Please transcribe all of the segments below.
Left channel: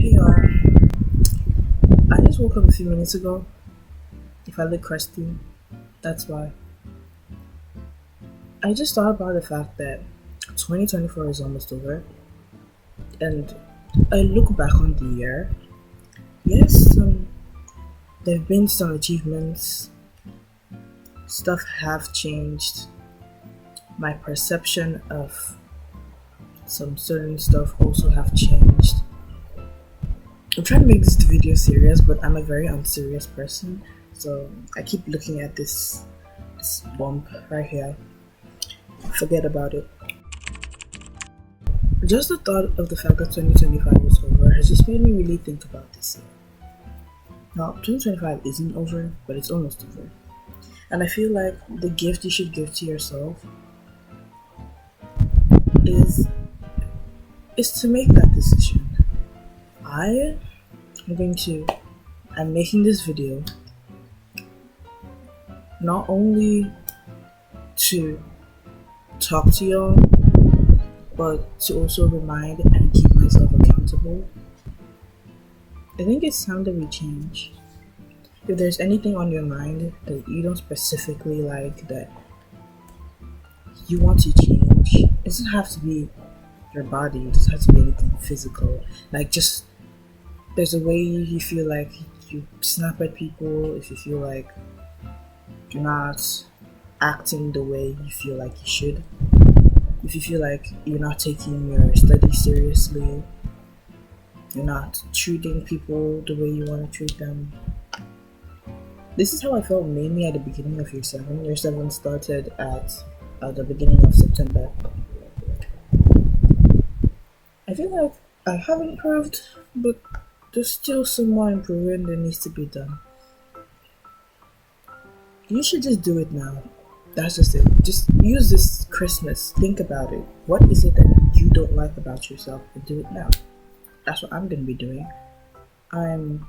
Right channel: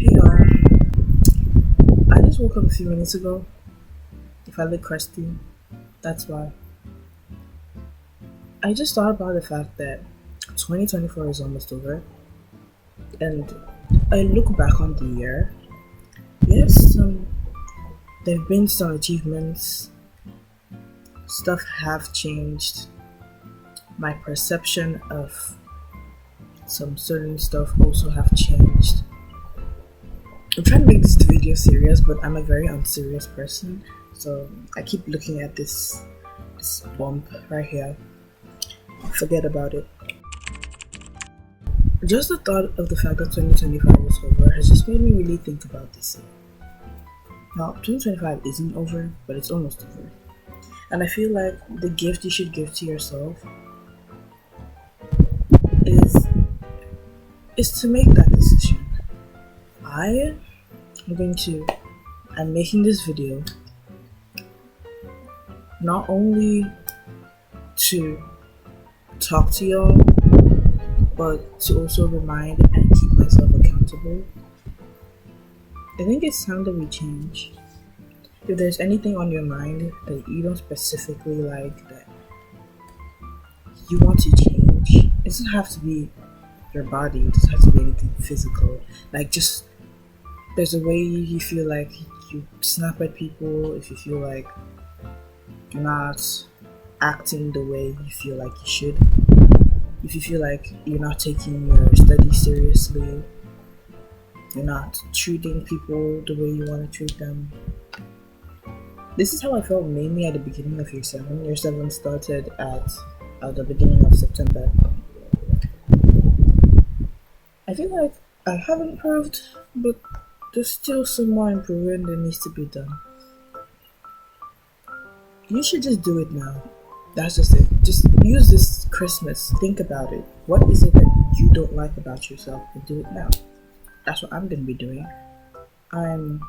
Hey, I just woke up a few minutes ago. If I look crusty, that's why. I just thought about the fact that 2024 is almost over, and I look back on the year. Yes, there have been some achievements. Stuff have changed. My perception of some certain stuff also have changed. I'm trying to make this video serious, but I'm a very unserious person, so I keep looking at this bump right here. Forget about it. Just the thought of the fact that 2025 is over has just made me really think about this year. Now, 2025 isn't over, but it's almost over. And I feel like the gift you should give to yourself is to make that decision. I'm making this video not only to talk to y'all, but to also remind and keep myself accountable. I think it's time that we change. If there's anything on your mind that you don't specifically like, that you want to change, it doesn't have to be your body, it doesn't have to be anything physical. Like, just there's a way you feel like you snap at people, if you feel like you're not acting the way you feel like you should, if you feel like you're not taking your studies seriously, you're not treating people the way you want to treat them. This is how I felt mainly at the beginning of year 7. Year 7 started at the beginning of September. I feel like I have improved, but there's still some more improving that needs to be done. You should just do it now. That's just it. Just use this Christmas. Think about it. What is it that you don't like about yourself, and do it now. That's what I'm going to be doing. I'm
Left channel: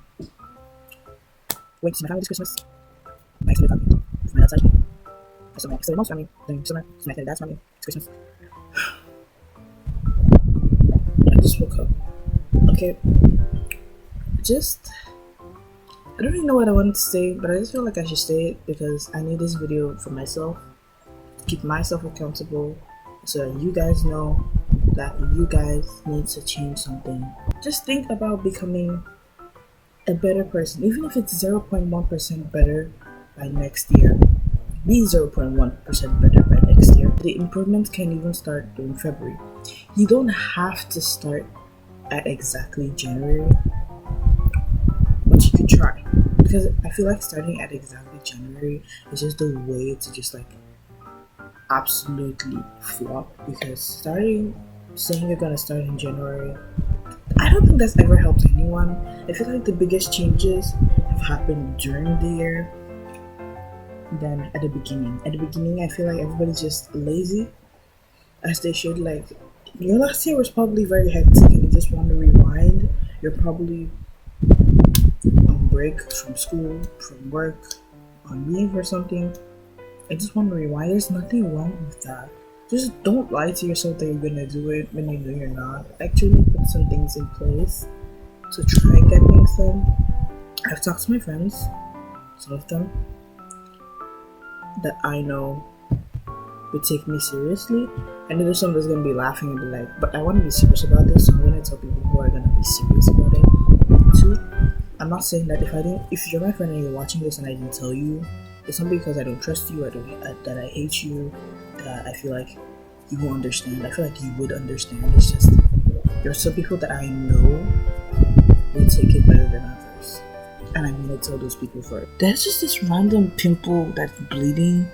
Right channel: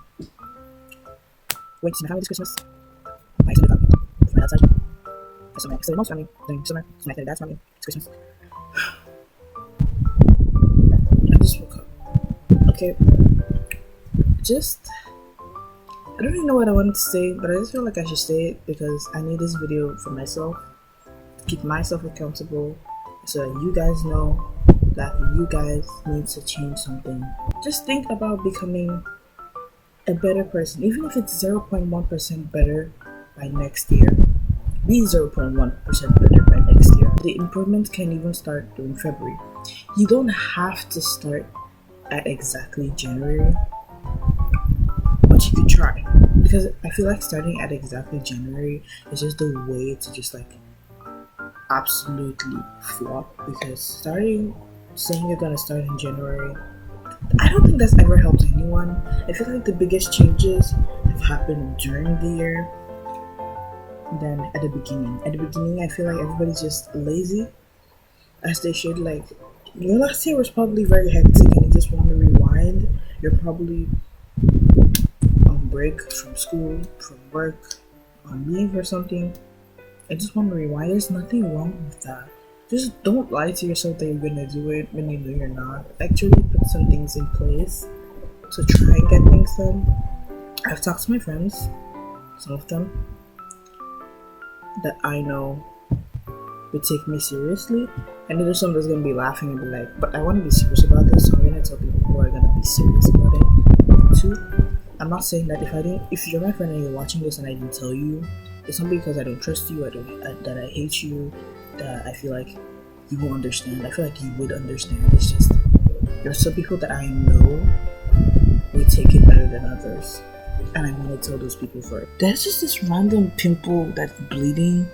waiting to see my family this Christmas. My extended family. From my dad's side. I saw my extended mom's family during summer. So my extended dad's family. It's Christmas. I just woke up. Okay. I don't really know what I wanted to say, but I just feel like I should say it because I need this video for myself, to keep myself accountable, so that you guys know that you guys need to change something. Just think about becoming a better person, even if it's 0.1% better by next year. Be 0.1% better by next year. The improvements can even start during February. You don't have to start at exactly January, but you could try, because I feel like starting at exactly January is just the way to just like absolutely flop, because saying you're gonna start in January, I don't think that's ever helped anyone. I feel like the biggest changes have happened during the year than at the beginning. At the beginning, I feel like everybody's just lazy, as they should. Like, your last year was probably very hectic and you just want to rewind. You're probably on break from school, from work, on leave or something. I just want to rewind. There's nothing wrong with that. Just don't lie to yourself that you're gonna do it when you know you're not. Actually put some things in place to try and get things done. I've talked to my friends, some of them that I know would take me seriously. I know there's some that's gonna be laughing and be like, but I want to be serious about this, so I'm gonna tell people who are gonna be serious about it too. I'm not saying that if you're my friend and you're watching this and I didn't tell you, it's not because I don't trust you, that I hate you, that I feel like you won't understand. I feel like you would understand. It's just there are some people that I know will take it better than others, and I want to tell those people first. There's just this random pimple that's bleeding.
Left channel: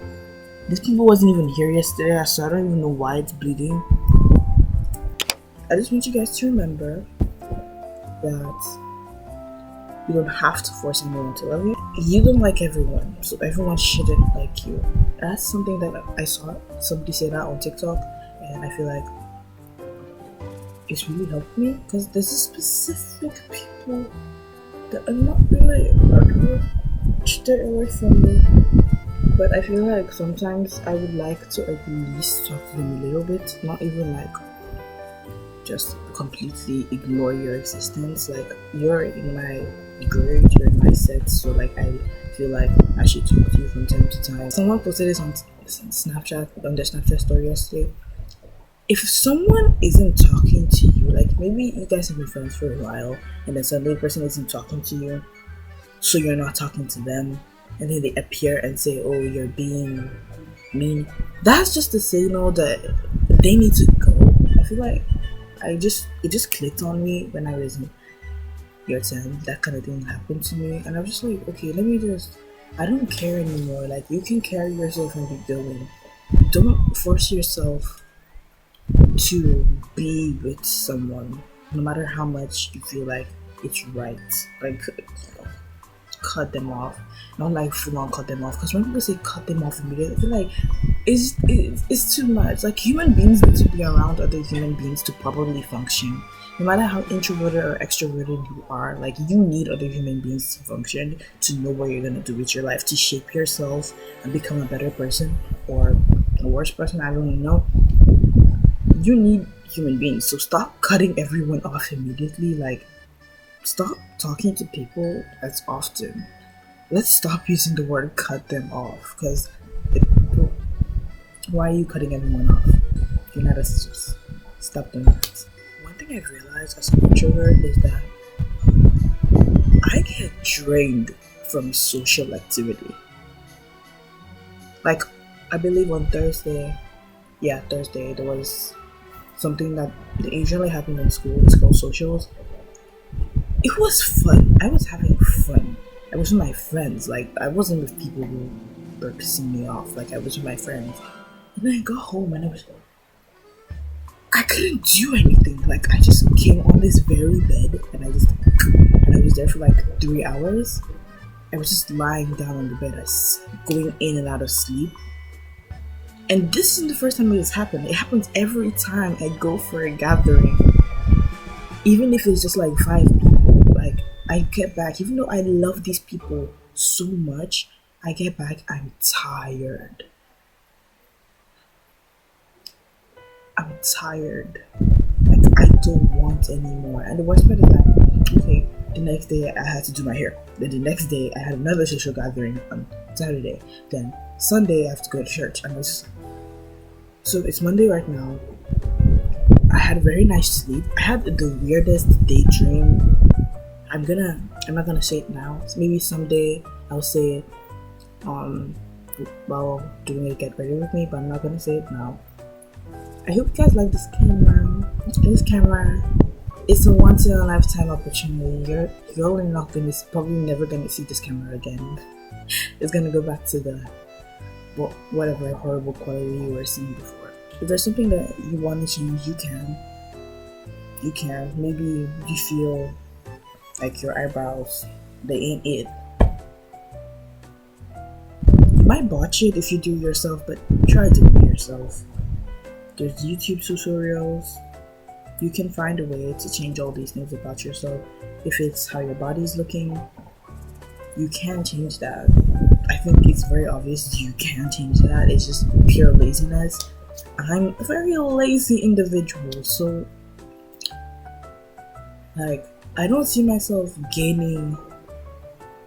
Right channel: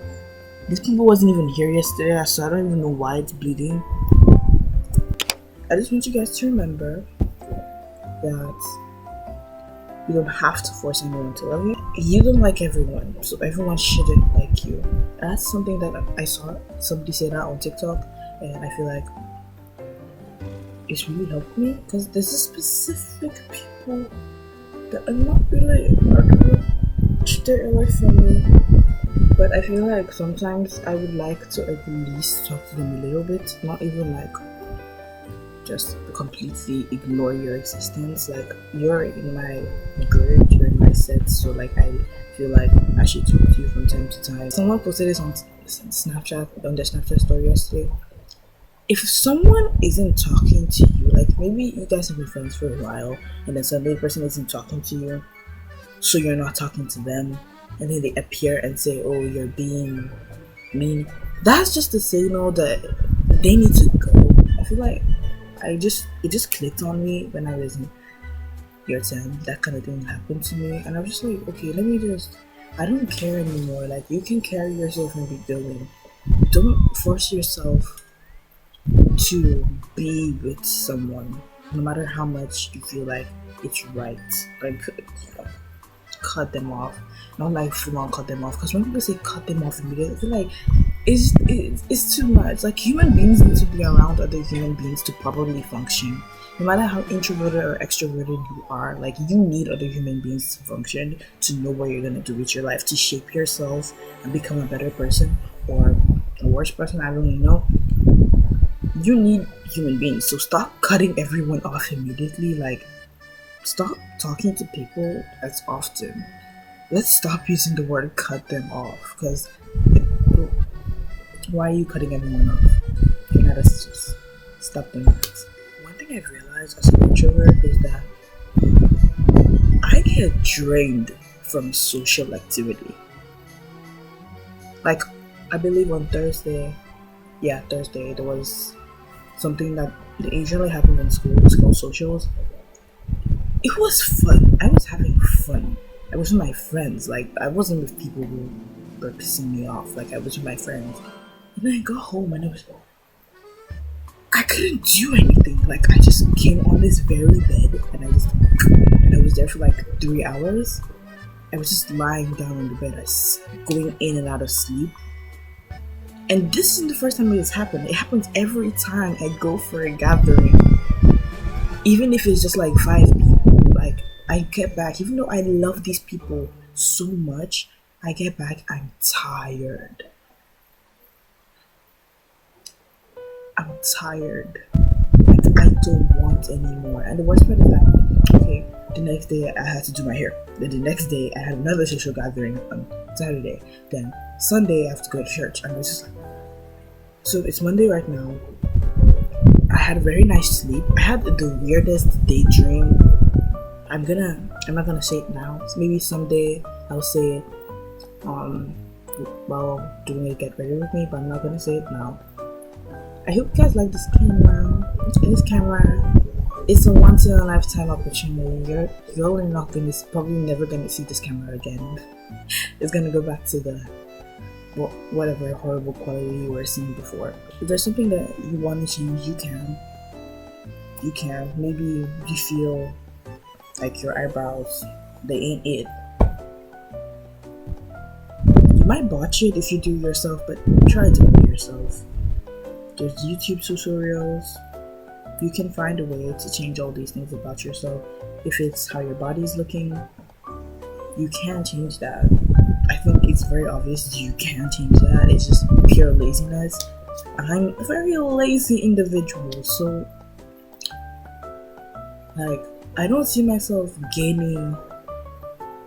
This pimple wasn't even here yesterday, so I don't even know why it's bleeding. I just want you guys to remember that you don't have to force anyone to love you. You don't like everyone, so everyone shouldn't like you. That's something that I saw somebody say that on TikTok, and I feel like it's really helped me, because there's a specific people that are not really good, stay away from me. But I feel like sometimes I would like to at least talk to them a little bit, not even like just completely ignore your existence. Like, you're in my grid, you're in my set, so like I feel like I should talk to you from time to time. Someone posted this on Snapchat, on their Snapchat story yesterday. If someone isn't talking to you, like maybe you guys have been friends for a while, and then suddenly the person isn't talking to you, so you're not talking to them, and then they appear and say, "Oh, you're being mean." That's just a signal that they need to go. I feel like it just clicked on me when I was in year 10. That kind of thing happened to me, and I was just like, okay, I don't care anymore. Like, you can carry yourself and be going. Don't force yourself to be with someone, no matter how much you feel like it's right. Like, cut them off, not like full on cut them off. Because when people say cut them off immediately, I feel like it's too much. Like, human beings need to be around other human beings to properly function. No matter how introverted or extroverted you are, like, you need other human beings to function, to know what you're gonna do with your life, to shape yourself and become a better person or a worse person. I don't really know. You need human beings, so stop cutting everyone off immediately. Like, stop talking to people as often. Let's stop using the word cut them off, because why are you cutting everyone off? You're not just stop doing that. One thing I've realized as an introvert is that I get drained from social activity. Like, I believe on Thursday, there was something that usually happens in school. It's called socials. It was fun. I was having fun. I was with my friends. Like, I wasn't with people who were pissing me off. Like, I was with my friends. And then I got home and I couldn't do anything. Like, I just came on this very bed and I was there for like 3 hours. I was just lying down on the bed. I was going in and out of sleep. And this isn't the first time it has happened. It happens every time I go for a gathering. Even if it's just like 5 people. Like, I get back, even though I love these people so much, I get back, I'm tired. Like, I don't want anymore. And the worst part is that, okay, the next day I had to do my hair. Then the next day I had another social gathering on Saturday. Then Sunday I have to go to church. And I was just like, so it's Monday right now. I had a very nice sleep. I had the weirdest daydream. I'm not gonna say it now. So maybe someday I'll say it while doing a get ready with me, but I'm not gonna say it now. I hope you guys like this camera. It's a once in a lifetime opportunity. You're probably never gonna see this camera again. It's gonna go back to the whatever horrible quality you were seeing before. If there's something that you want to change, you can. Maybe you feel like your eyebrows, they ain't it. You might botch it if you do it yourself, but try doing it yourself. There's YouTube tutorials. You can find a way to change all these things about yourself. If it's how your body's looking, you can change that. I think it's very obvious you can change that. It's just pure laziness. I'm a very lazy individual, so like, I don't see myself gaining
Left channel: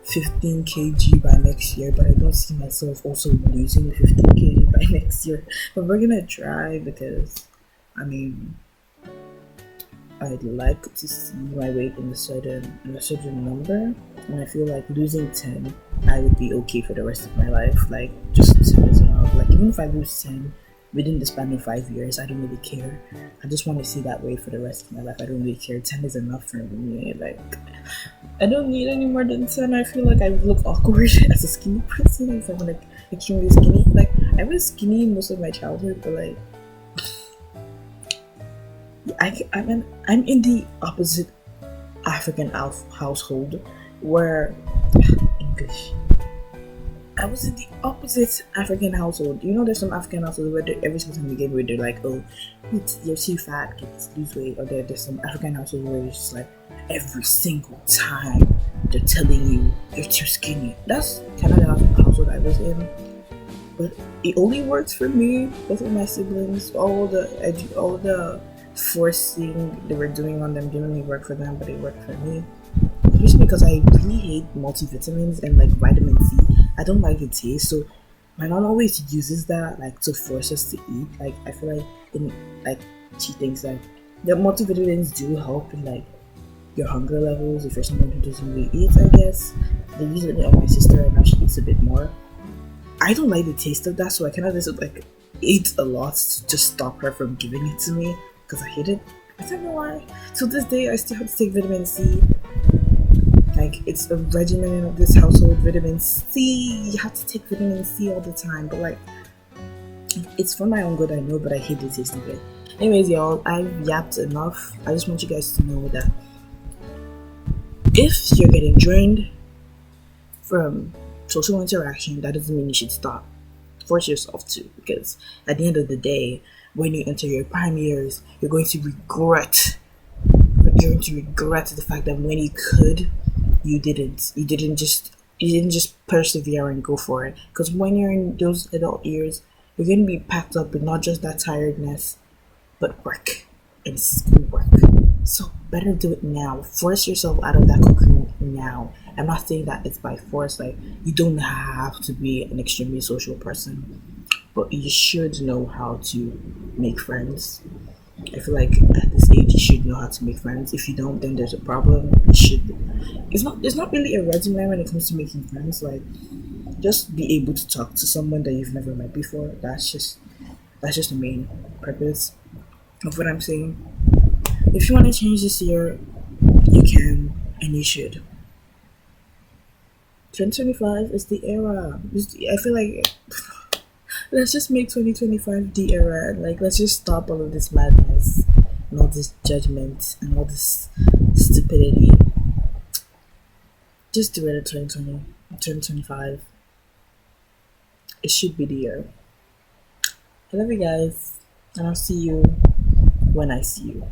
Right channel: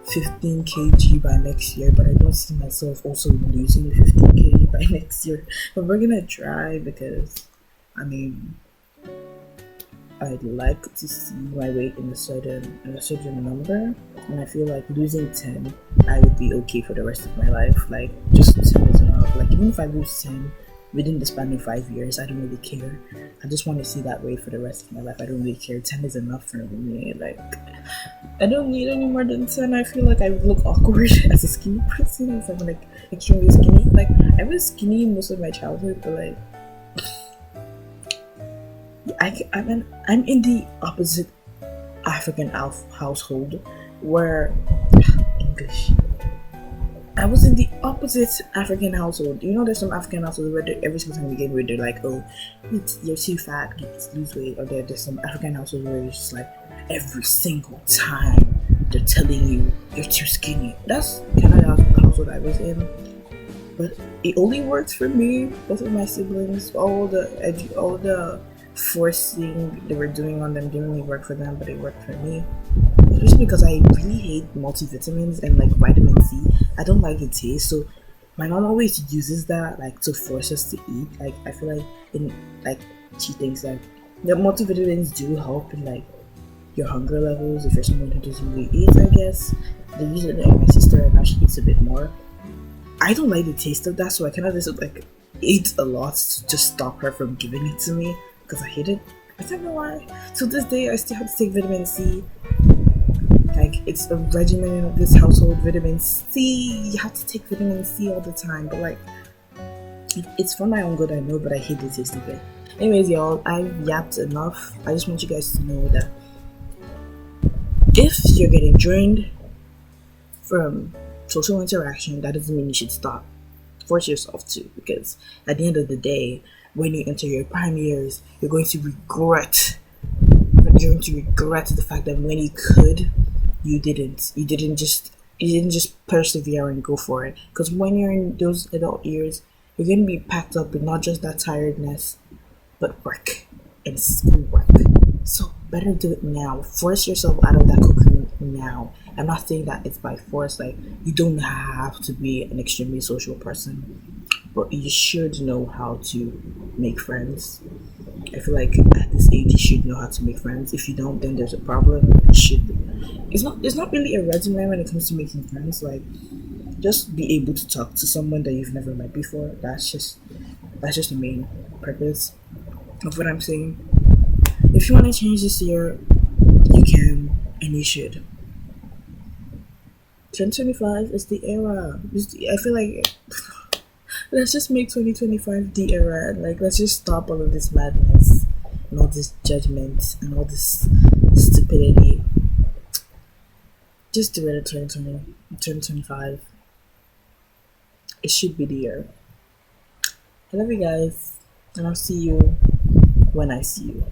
15 kg by next year, but I don't see myself also losing 15 kg by next year. But we're gonna try, because I mean, I'd like to see my weight in a certain number, and I feel like losing 10, I would be okay for the rest of my life. Like, just 10 is enough. Like, even if I lose 10 within the span of 5 years, I don't really care. I just want to see that weight for the rest of my life. I don't really care. 10 is enough for me. Like, I don't need any more than 10. I feel like I would look awkward as a skinny person if I'm like extremely skinny. Like, I was skinny most of my childhood, but like, I'm in the opposite African household where English. I was in the opposite African household. You know, there's some African households where every single time you get weight, they're like, "Oh, you're too fat, lose weight." Or there's some African households where it's just like every single time they're telling you you're too skinny. That's kind of the household I was in. But it only works for me. Both of my siblings, all the forcing they were doing on them didn't really work for them, but it worked for me. Especially because I really hate multivitamins and like vitamin C. I don't like the taste, so my mom always uses that like to force us to eat. Like I feel like in like she thinks that the multivitamins do help in like your hunger levels if you're someone who doesn't really eat. I guess they use it on my sister, and now she eats a bit more. I don't like the taste of that, so I kind of just like ate a lot to just stop her from giving it to me because I hate it. I don't know why. To this day, I still have to take vitamin C. Like it's a regimen of this household. Vitamin C, you have to take vitamin C all the time. But like, it's for my own good, I know, but I hate the taste of it. Anyways, y'all, I've yapped enough. I just want you guys to know that if you're getting drained from social interaction, that doesn't mean you should stop. Force yourself to, because at the end of the day, when you enter your prime years, you're going to regret. You're going to regret the fact that when you could, you didn't. You didn't just persevere and go for it. Because when you're in those adult years, you're going to be packed up with not just that tiredness, but work and schoolwork. So better do it now. Force yourself out of that cocoon now. I'm not saying that it's by force. Like you don't have to be an extremely social person, but you should know how to make friends. I feel like at this age you should know how to make friends. If you don't, then there's a problem. You should. It's not really a resume when it comes to making friends. Like just be able to talk to someone that you've never met before. That's just the main purpose of what I'm saying. If you want to change this year, you can and you should. 2025 is the era. I feel like let's just make 2025 the era. Like let's just stop all of this madness and all this judgment and all this stupidity. Just do it at 2020, 2025. It should be the year. I love you guys, and I'll see you when I see you.